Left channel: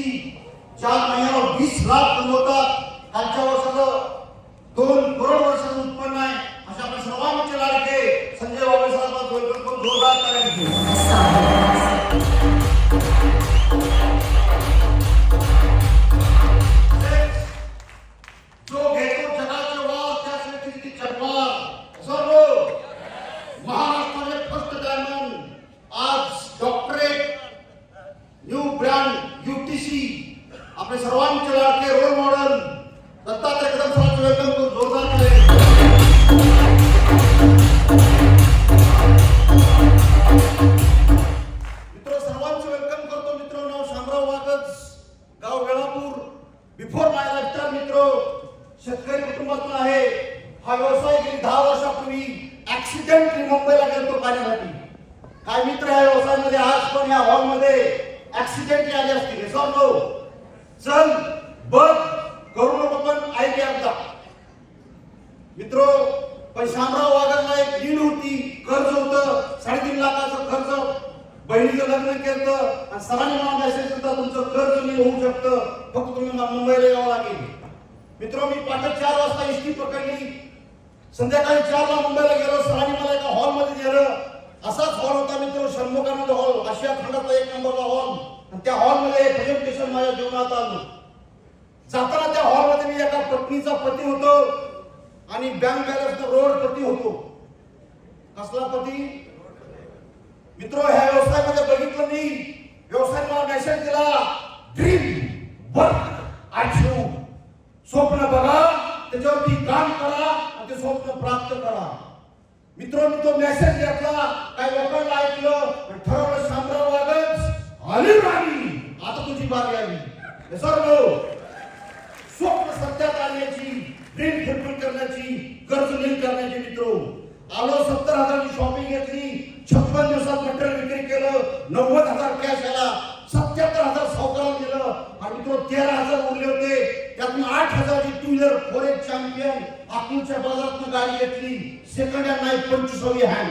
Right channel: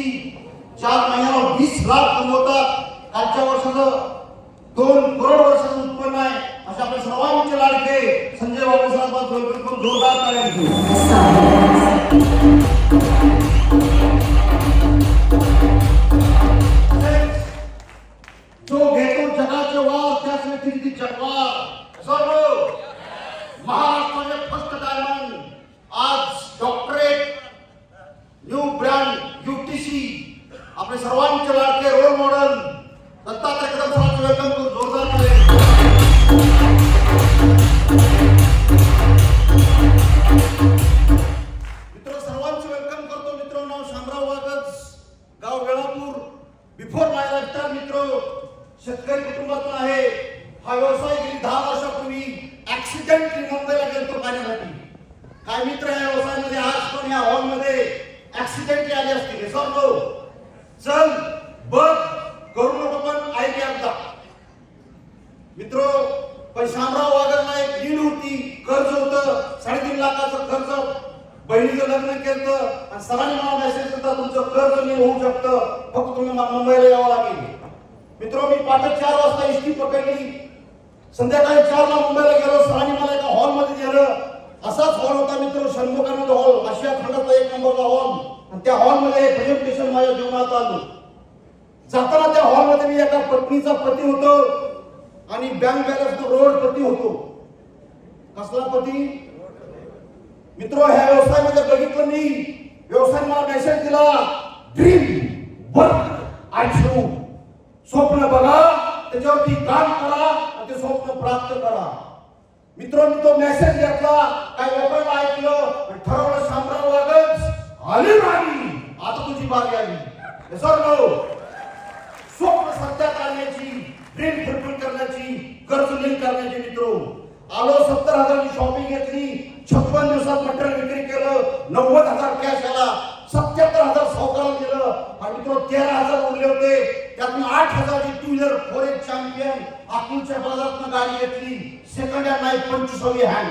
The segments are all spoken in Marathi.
यूटीसी 4 महिन्यावर 20 लाख कमवतात. कालच्या वर्षाचं 2 करोड वर्षाचं उत्पन्न आहे. अशा आपल्या सर्वांचे लाडके संजय बाबा साहेबांचं जोरदार टाळ्या. जो घेतो जगाचे वार त्याच व्यक्ती जगवार. सर्व महाराष्ट्राचे फर्स्ट डायमंड आज डॉक्टरेट न्यू ब्रँड यूटीसी आपले सर्वांचे लाडके रोल मॉडेल दत्तात्रय कदम सरांचं वेलकम करून जोरदार टाळ्या. मित्र सर्वांचे वेलकम करतो. मित्रांनो शामराव वागज गाव वेळापूर बिफोर माय लाईफटाईम मित्र शेतकरी कुटुंबातून आहे. हा व्यवसाय गेली 10 वर्षापूर्वी ऍक्सिडेंटली मुंबईला गेलो पाण्यासाठी. काय मित्र या व्यवसायामध्ये आज पण या हॉल मध्ये ऍक्सिडेंटली आले असतील. सांगतो चल बघ करू नको पण ऐक एकदा. मित्र पण शामराव वागरला एक लीड होती, कर्ज होतं 3.5 लाखाचं कर्ज. बहिणीचं लग्न केलं आणि सरांनी मला मेसेज केला तुमचं कर्ज नाही होऊ शकतं, फक्त तुम्ही मुंबईला यावं लागेल. मित्र मी पहाटे 4 वाजता एसटी पकडली. संध्याकाळी 4 ला मुंबईला गेलो. सरांनी मला एका हॉल मध्ये गेलं. असाच हॉल होता मित्र, षण्मुखानंद हॉल, आशिया खंडातला 1 नंबरचा हॉल. आणि त्या हॉल मध्ये प्रेझेंटेशन माझ्या जीवनात आलं. जाताना त्या हॉल मध्ये मी एका पत्नीचा पती होतो आणि बँक बॅलन्स रोड पती होतो. कसला पती मित्र? ह्या व्यवसायामध्ये बघितलं मी. व्यवसाय मला मेसेज दिला ड्रीम वर्क अँड शो. स्वप्न बघा, त्याच्यावरती काम करा आणि ते स्वप्न प्राप्त करा. मित्रांनो तो मेसेज घेतला, काही लोकांना ऐकलं, ठरवलं शामराव वागज आली राणी, आता तुझी बारी आली. स्वप्न सत्यात आणण्याची, ड्रीम फुलफिल करण्याची, कर्ज नाही करण्याची. मित्रो आलो 70,000 ची शॉपिंग घेतली. 56 दिवसात मटेरियल विक्री केलं. 90,000 कॅश आला. 77,000 सावकाराला दिलं. आणि मित्र 13,000 उरले होते. त्यातून 8,000 ची 2 व्हीलर फॉरेस्ट चॅम्पियन अकोलच्या बाजारातून गाडी घेतली. सेकंड हँड नाही 25वी हँड.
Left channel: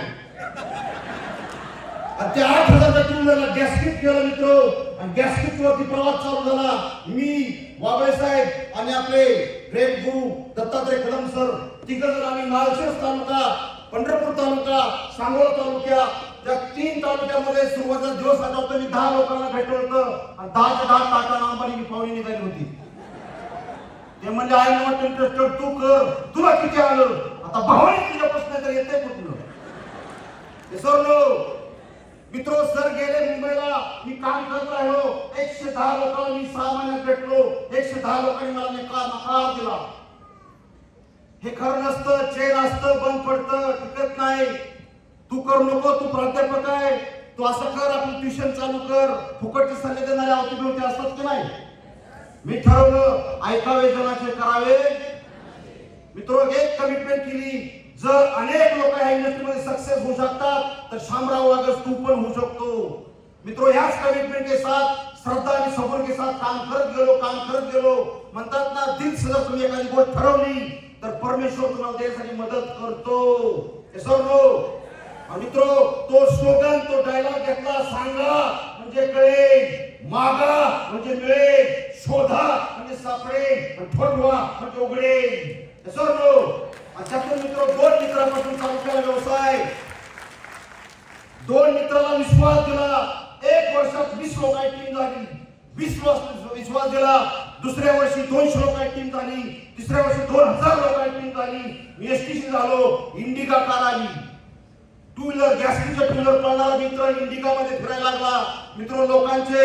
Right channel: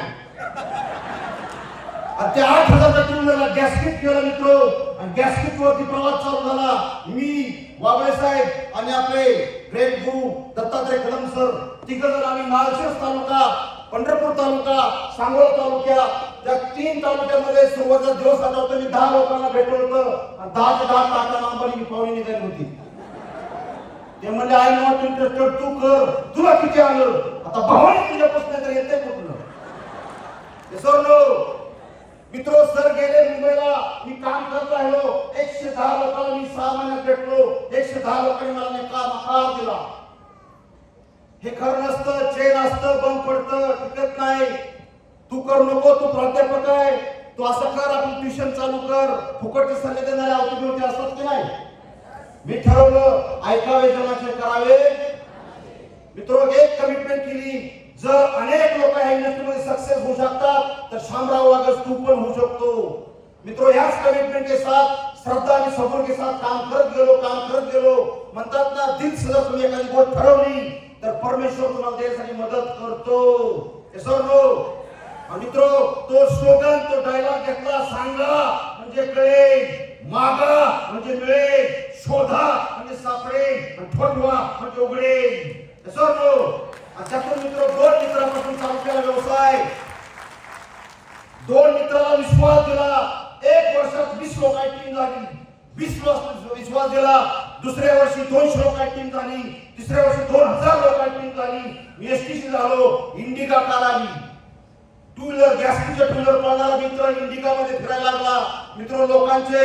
आणि त्या 8,000च्या 2 व्हीलरला गॅस्केट केलं मित्र. आणि गॅस्केट वरती प्रवास चालू झाला. मी वाबळे साहेब आणि आपले प्रेम गुरु दत्तात्रय कदम सर तिघजण आम्ही माळशेज तालुका, पंढरपूर तालुका, सांगोला तालुक्या या 3 तालुक्यामध्ये सुरुवातीचा दिवस आठवतो. मी 10 लोकांना भेटलो होतो आणि 10च्या 10 टाटा नंबरची मी पाहुणी निघाली होती. ते म्हणजे आय नॉट इंटरेस्टेड, तू कर, तुला किती आलं. आता भावाने तुझ्या प्रश्न तर येते कुठलं. सर नो मित्रो सर गेले मुंबईला. मी काम करत राहिलो. 110 लोकांना मी 6 महिन्यात भेटलो. 110 लोकांनी मला नकार दिला. हे खरं नसतं, चेन असतं, बंद पडतं, टिकत नाही. तू करू नको, तू प्राध्यापक आहे, तू असं कर, आपली ट्युशन चालू कर. फुकटचे सल्ले देणारे अवती असतात की नाही. मी ठरवलं ऐकावे जनाचे करावे. मित्रो एक कमिटमेंट केली, जर अनेक लोक या इंडस्ट्रीमध्ये सक्सेस होऊ शकतात तर शामराव वागज तू पण होऊ शकतो. मित्रो याच कमिटमेंट के साथ, श्रद्धा आणि सबर के साथ काम करत गेलो. म्हणतात ना दिल से जर तुम्ही एखादी गोष्ट ठरवली तर परमेश्वर तुम्हाला देण्यासाठी मदत करतो. मित्रो तो स्लोगन, तो डायलॉग घेतला, सांगा म्हणजे कळेल, मागा म्हणजे मिळेल, शोधा म्हणजे सापडेल, ठरवा म्हणजे उघडेल. त्यातून मित्र 2 मित्रांपासून चालू केला व्यवसाय. 2 मित्राला विश्वास दिला. 1 वर्षात 20 लोकांची टीम झाली. 20 लोक विश्वास दिला. दुसऱ्या वर्षी 200 लोकांची टीम झाली. तिसऱ्या वर्षी 2000 लोकांची टीम झाली. मी एसटीसी झालो. इंडिका कार आली. 2 व्हीलर गॅसकीच्या 2 व्हीलर पळणारा मित्र इंडिका मध्ये फिरायला लागला. मित्र लोकांचे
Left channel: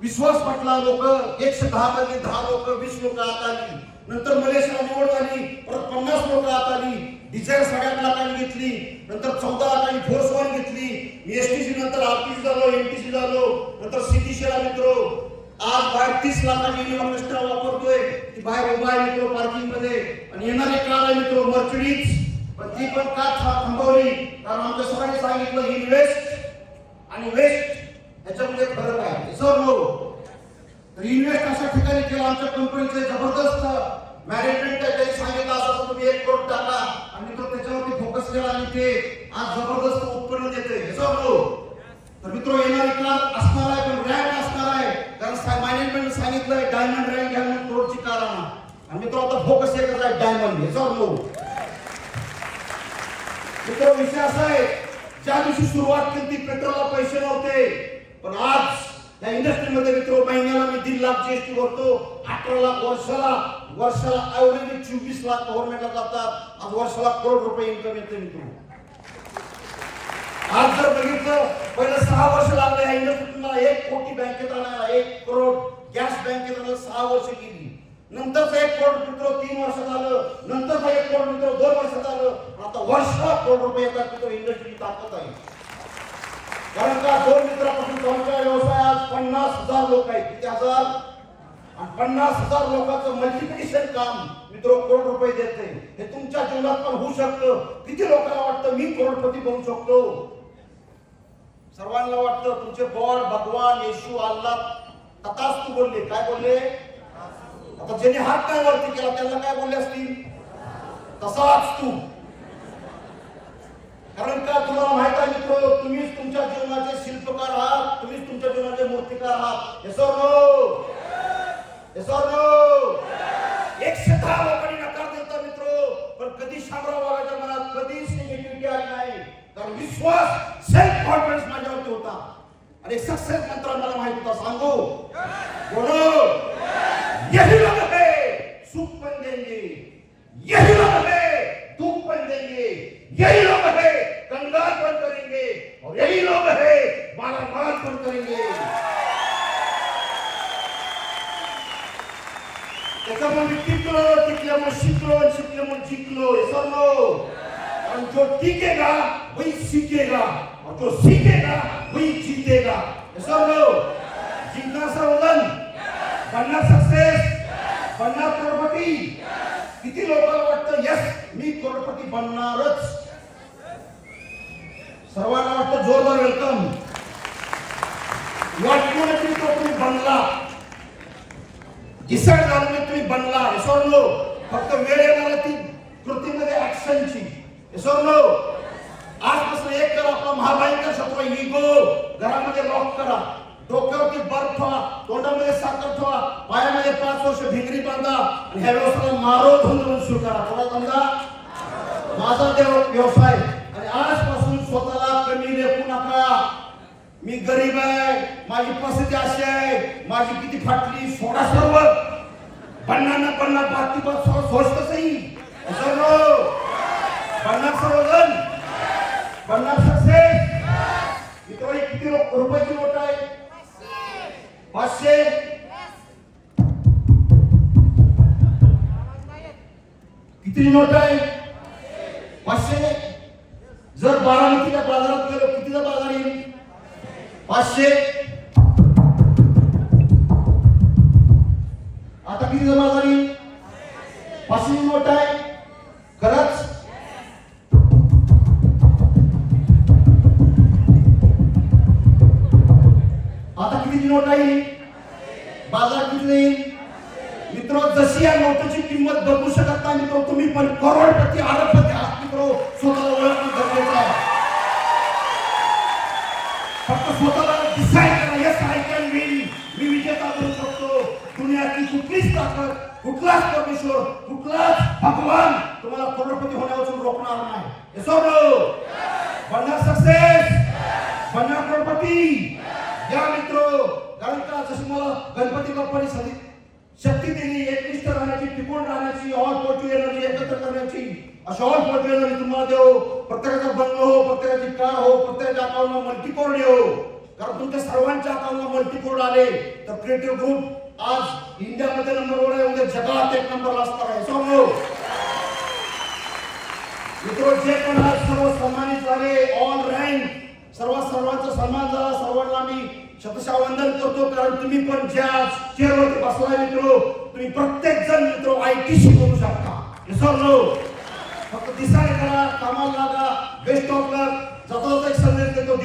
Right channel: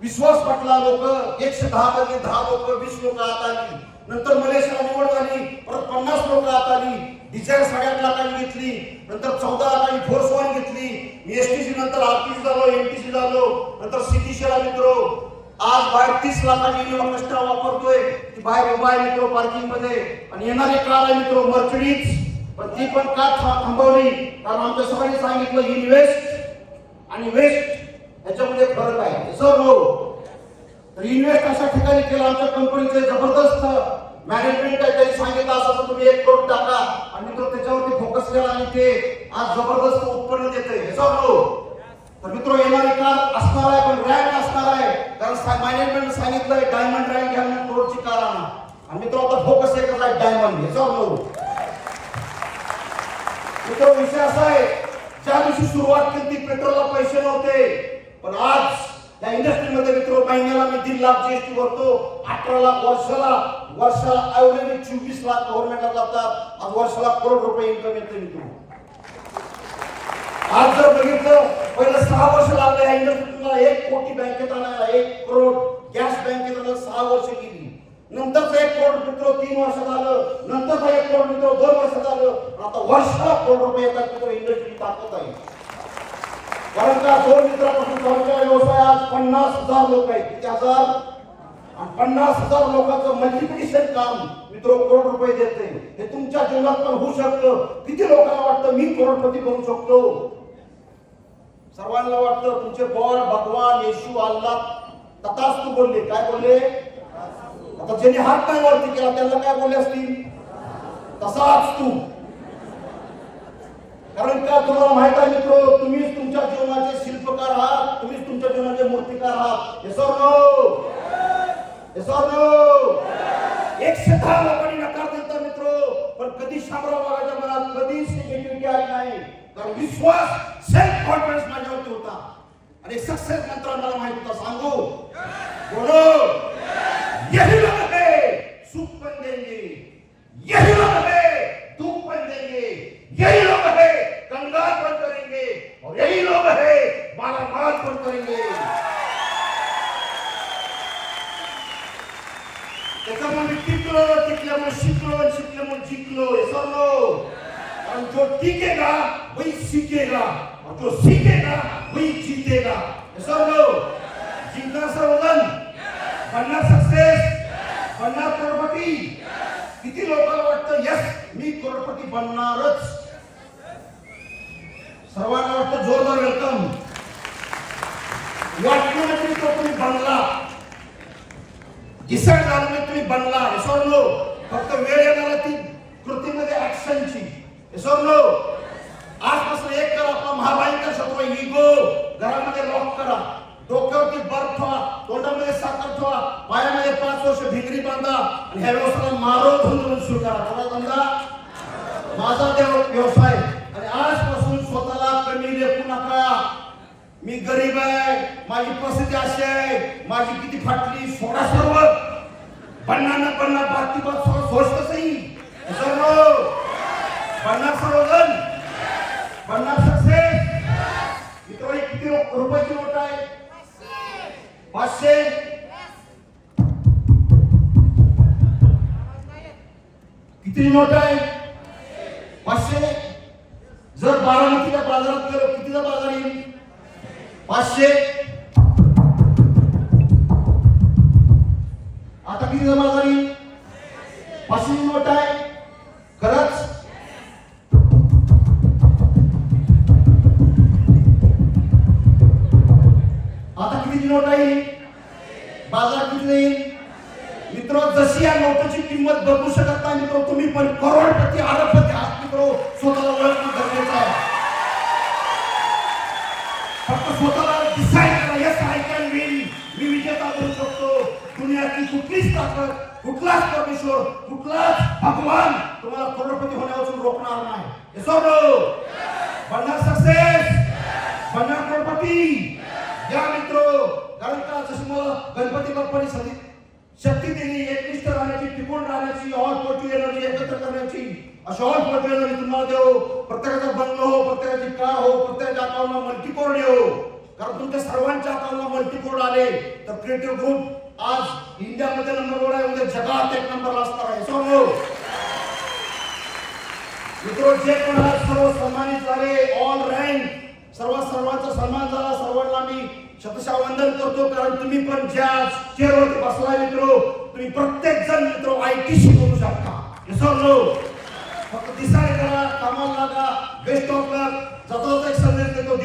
विश्वास पटला. लोक 110 मध्ये 10 लोक 20 लोक आत आली. नंतर मलेशियाला निवड झाली. परत 50 लोक आत आली. डिझायर 8.5 लाखांनी घेतली. नंतर 14 लाखांनी फोर्स वन घेतली. मी एसटीसी नंतर आरटीसी झालो, एमटीसी झालो, नंतर सीटीसीला मित्र. आज बाहेर 30 लाखांची इन्व्हेस्टर वापरतोय. ती बाहेर उभा आहे मित्र पार्किंग मध्ये. आणि येणारी कार आहे मित्र मर्सिडीज. पण ती पण का थांबवली? कारण आमच्या सगळ्यांनी सांगितलं इन्व्हेस्ट आणि वेस्ट याच्यामध्ये फरक आहे. सर हो तर इन्व्हेस्ट अशा ठिकाणी केलं. आमच्या कंपनीचे जबरदस्त मॅनेजमेंट आहे. काही सांगितलं असं तुम्ही 1 करोड टाका आणि तो त्याच्यावरती फोकस केला आणि ते आज जबरदस्त उत्पन्न देते. तर मित्र येणारी कार असणार आहे पण रॅम्प असणार आहे. कारण सांगितलंय डायमंड ड्राईव्ह घ्या म्हणून करोडची कार आणा. आणि मित्र आता फोकस एकच आहे डायमंड याच्यावर नो. मित्र विषय असा आहे ज्या दिवशी सुरुवात केली ती पेट्रोलला पैसे नव्हते पण आज या इंडस्ट्रीमध्ये मित्र महिन्याला मी 1.5 लाख जीएसटी भरतो. 18 लाख वर्षाला ऍव्हरेज 24 लाख गव्हर्नमेंटला जातात. आज वर्षाला करोड रुपये इन्कम येते मित्र. आज जर बघितलं पहिलं 6 वर्ष लागले या इंडस्ट्रीत तुम्हाला 1 कोटी बँकेत आणायला 1 करोड गॅस बँकेत आणायला 6 वर्ष गेली. नंतरच 1 करोड मित्र 3 वर्ष झालं. नंतर 1 करोड मित्र 2 वर्ष झालं. आता वर्षाला करोड रुपये येतात मित्र. इंडस्ट्री ताकद आहे. कारण का 2 मित्रापासून चालू केलेला व्यवसाय आज 50,000 लोक आहेत. किती हजार? आणि 50,000 लोकांचं मल्टिप्लिकेशन काम मित्र करोड रुपये देते. हे तुमच्या जीवनात पण होऊ शकतं. किती लोकांना वाटतं मी करोडपती बनू शकतो? सर्वांना वाटतं तुमचे गॉड भगवान येशू अल्लाह तथास्तु बोलले. काय बोलले? आता ज्यांनी हात काय वरती केला त्यांना काय बोलले असतील? तसाच तू. कारण का तुम्हाला माहित आहे मित्र तुम्हीच तुमच्या जीवनाचे शिल्पकार आहात. तुम्हीच तुमच्या जीवनाचे मूर्तिकार आहात. Yes or no? Yes or no? 110 लोकांनी नकार दिला मित्र पण कधी शामराव बाबाच्या मनात कधीच निगेटिव्हिटी आली नाही. कारण विश्वास सेल्फ कॉन्फिडन्स माझ्यावरती होता. आणि सक्सेस मंत्र मला माहित होता. सांगू बोलो यही लोग है सुख पण देंगे. यही लोग है दुख पण देंगे. यही लोग है कंगाल पण करेंगे और यही लोग है मालामाल पण करेंगे. त्याच्यामुळे टिकल्यामुळे शिकल्यामुळे जिंकलो. येसरलो. और जो टिकेगा वही सीखेगा और जो सीखेगा वही जीतेगा. येसरलो. जिंकना सर्वजण बनना सक्सेस बनना करोडपती. किती लोकांना वाटतं यस मी करोडपती बनणारच. सर्वांना वाटतं जोरदार वेलकम. वाटलं तरी तो तुम्ही बनला. डिसाईड झालं नाही तुम्ही बनला. विसरलो. फक्त वेळ येणार ती कृतीमध्ये ऍक्शनची. विसरलो. आजपासून एक करा आपला महाभयंकर शत्रू इगो घरामध्ये लॉक करा. डोक्यावरती बर्फ ठेवा. तोंडामध्ये साखर ठेवा. पायामध्ये 5 वर्ष भिंगरी बांधा आणि ह्या व्यवसायाला मारो धुंदून सुरू करा. थोडा धंदा माझा व्यवसाय. आणि आजपासून स्वतःला कमी लेखू नका. मी गरीब आहे माझी परिस्थिती अशी आहे माझी किती फाटली सोडा सर्व बनना न बनना बाकी बात सोचतं सही. बनना सर्वजण बनना सक्सेस. मित्र किती रुपयाची नोट आहे? 500. किती नोट आहे? 500. जर बारामतीच्या बाजारात गेलो कितीचा बाजार येईल? 500. आता किती जमा झाली? 500 नोट आहे. खरंच आता किती नोट आहे? बाजार किती येईल? मित्र जशी या नोटची किंमत बदलू शकत नाही मित्र तुम्ही पण करोडपती अरबपती आहात मित्र. स्वतःला ओळखणं गरजेचं आहे. फक्त स्वतःला डिसाईड करा यस आय कॅन विन. मी विजेता बनू शकतो. दुनियाची कुठलीच ताकद कुठलाच परमेश्वर कुठलाच भगवान तुम्हाला करोडपती होण्यापासून रोखणार नाही. Yes or no? बनना सक्सेस बनना करोडपती. या मित्र कारण का जशी मला गणपती बाप्पांनी शक्ती दिली एकनिष्ठ राहण्याची टिकून राहण्याची ऑल पॉझिटिव्ह एनर्जी एकत्र करण्याची अशी ऑल पॉझिटिव्ह एनर्जी तुम्हाला देव. प्रत्येकाचा बंगलो हो प्रत्येकाची कार हो प्रत्येकाच्या अकाउंटला मल्टीकोड येऊ. कारण तुमच्या सर्वांच्या अकाउंटला मल्टीकोड आले तर क्रिएटिव्ह ग्रुप आज इंडियामध्ये नंबर 1 आहे उद्या जगात 1 नंबरला असणार आहे. समजो मित्र जे पण आज सर्व सन्मानित झाले ऑल रँक सर्वांचा सन्मान झाला. सर्वांना मी शतशः वंदन करतो. कारण तुम्ही पण ज्या चेअरवरती बसलाय मित्र तुम्ही प्रत्येक जण मित्र आयटीसी करू शकता. विसरलो. फक्त डिसाईड करा कामाला लागा. बेस्ट ऑफ लक. जाता एक संदेश देतो.